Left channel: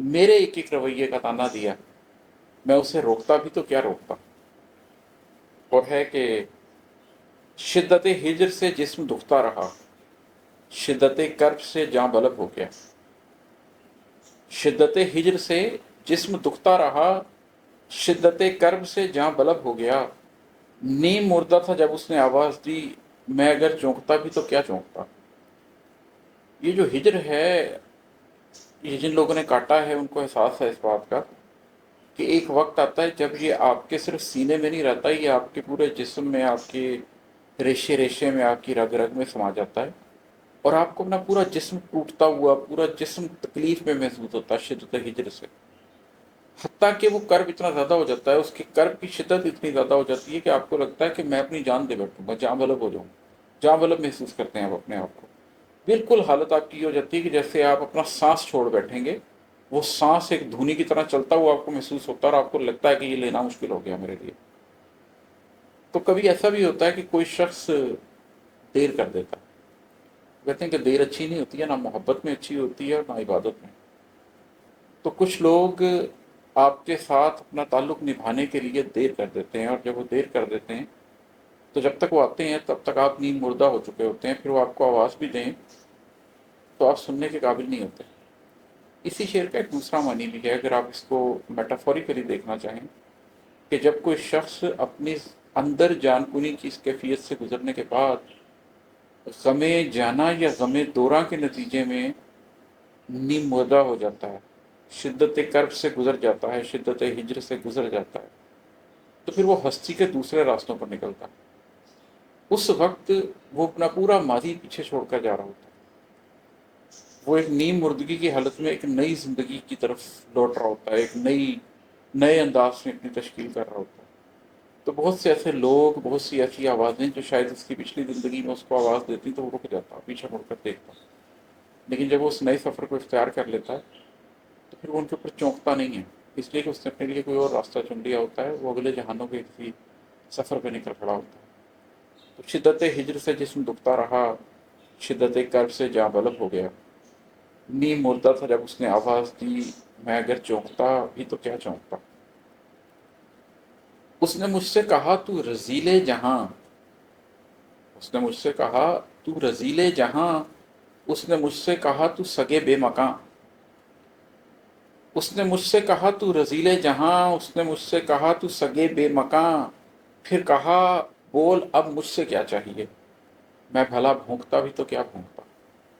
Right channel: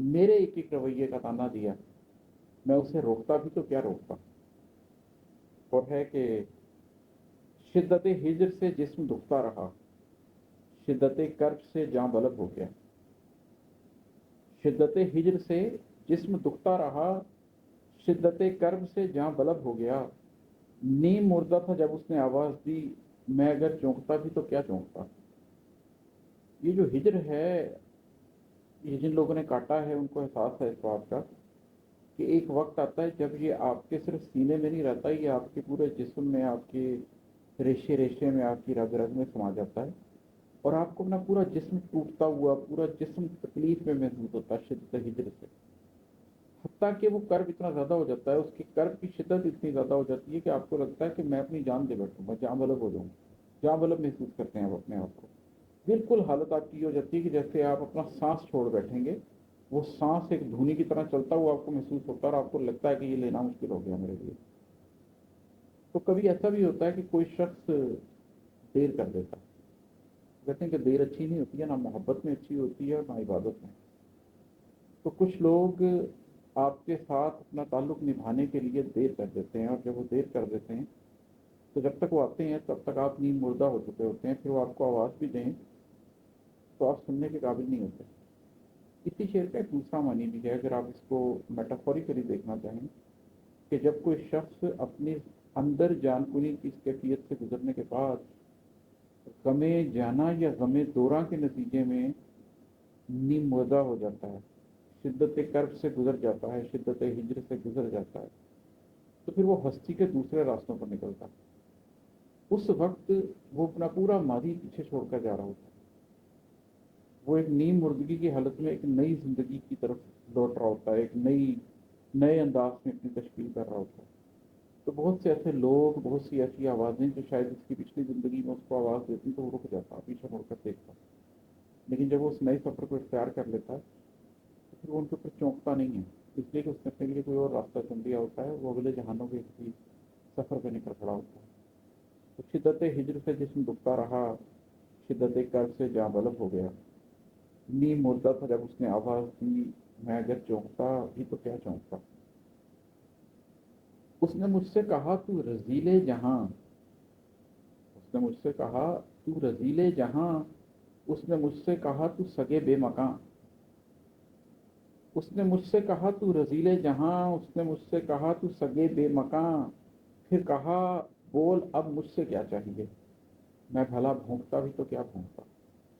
मेरे एक एक रवैये का ताना दिया, मैं उसे रोकता भी तो क्या रोकता। और है कि शिद्दत हिज्र से जिस्म दुखता रहा, शिद्दत कर्ब से जाँ बलब हो गया। शिद्दत हिज्र से जिस्म दुखता रहा, शिद्दत कर्ब से जाँ बलब हो गया। नीम मुर्दा था जब उसने आवाज़ दी, मैं अगर चौंकता भी तो क्या चौंकता। ये जो हिज्र है, ये जिन लोगों ने काटा है उनको एहसास है इस बात का कि एक वक्त आता है जब ये आपके सिर्फ सीने में नहीं रहता, ये आपके पूरे जिस्म में, आपके रेशे रेशे में, आपकी रग रग में समा जाता है। और आपको अपना पूरा जिस्म टूटता हुआ, पूरा जिस्म तकलीफ में महसूस होता है शिद्दत हिज्र से। हत्ता कि वो कर्ब इतना ज़्यादा हो जाता है, उसकी कर्ब की शिद्दत इतनी ज़्यादा हो जाती है कि आपको लगता है कि मैं अपनी जान दे बैठूंगा, जाँ बलब हो जाऊँ। जाँ बलब महसूस करते हैं आप अपने आप को। बिल्कुल हालत आपकी ये हो जाती है कि जैसे आप अपना सांस छोड़ बैठेंगे, वो सांस एक धुनी की तरह चलता हुआ आपको महसूस होता है और आपको लगता है कि ये लेना मुश्किल हो गया मेरे लिए। तो कभी ऐसा भी होता है कि कोई शख्स देर कर देता है। कहते हैं कि देर अच्छी नहीं होती है, ना मोहब्बत में अच्छी होती है और ना इबादत में। तो कुछ लोग आपके साथ अपना ताल्लुक़ निभाने के लिए देर कर देते हैं, और जब वो देर कर देते हैं तो जब तक वो आते हैं तब तक आप नींद मुर्दा हो चुके होते हैं। फिर वो आपको आवाज़ भी दें तो आप सुनने के काबिल नहीं होते। इसी शेर का एक दूसरा मानी भी है, अगर आप इसको मेटाफोरिकली देखना चाहें, कि जब कोई शख्स अपनी अंदर जानकुनी की इस कैफियत से गुजरने के बाद गमे जाना या गमे दौरा के नतीजे में नीम मुर्दा हो जाता है, शिद्दत कर्ब से गुजर जाता है, शिद्दत हिज्र से गुजर जाता है, तो फिर वो हस्ती के दूसरे रास्तों पर निकलता है। उस वक्त वो अपना पूरा माजी पीछे छोड़कर जा रहा होता है। वो एक नीम मुर्दगी की हालत में एक नई ज़िंदगी की तरफ लौट रहा होता है, एक नए अंदाज में अपनी तश्कील कर रहा होता है। तो बहुत से ऐसे लोग, बहुत सी ऐसी आवाज़ें जो शायद उसकी पिछली ज़िंदगी में उसको आवाज़ देती, तो वो रुक जाता, पीछे मुड़कर देखता। लेकिन जब वो उस नए सफ़र को इख्तियार कर लेता है तो फिर वो उनके ऊपर चौंकता नहीं है, इसलिए कि उसने अपने लिए कोई और रास्ता चुन लिया होता है। वो अगले जहानों के किसी सफ़र पर निकल खड़ा होता है। तो शिद्दत हिज्र से जिस्म दुखता रहा, शिद्दत कर्ब से जाँ बलब हो गया। नीम मुर्दा था जब उसने आवाज़ दी, मैं अगर चौंकता भी तो क्या चौंकता। उसने मुझसे कहा तू रजीले जहां, उसने मुझसे कहा तू रजीले जहां, उसने मुझसे कहा तू सगे बेमकां, उसने मुझसे कहा तू रजीले जहां, उसने मुझसे कहा तू सगे बेमकां। फिर कहा बोल अब मुझसे क्या चाहिए, मैं भला भोंकता भी तो क्या भोंकता।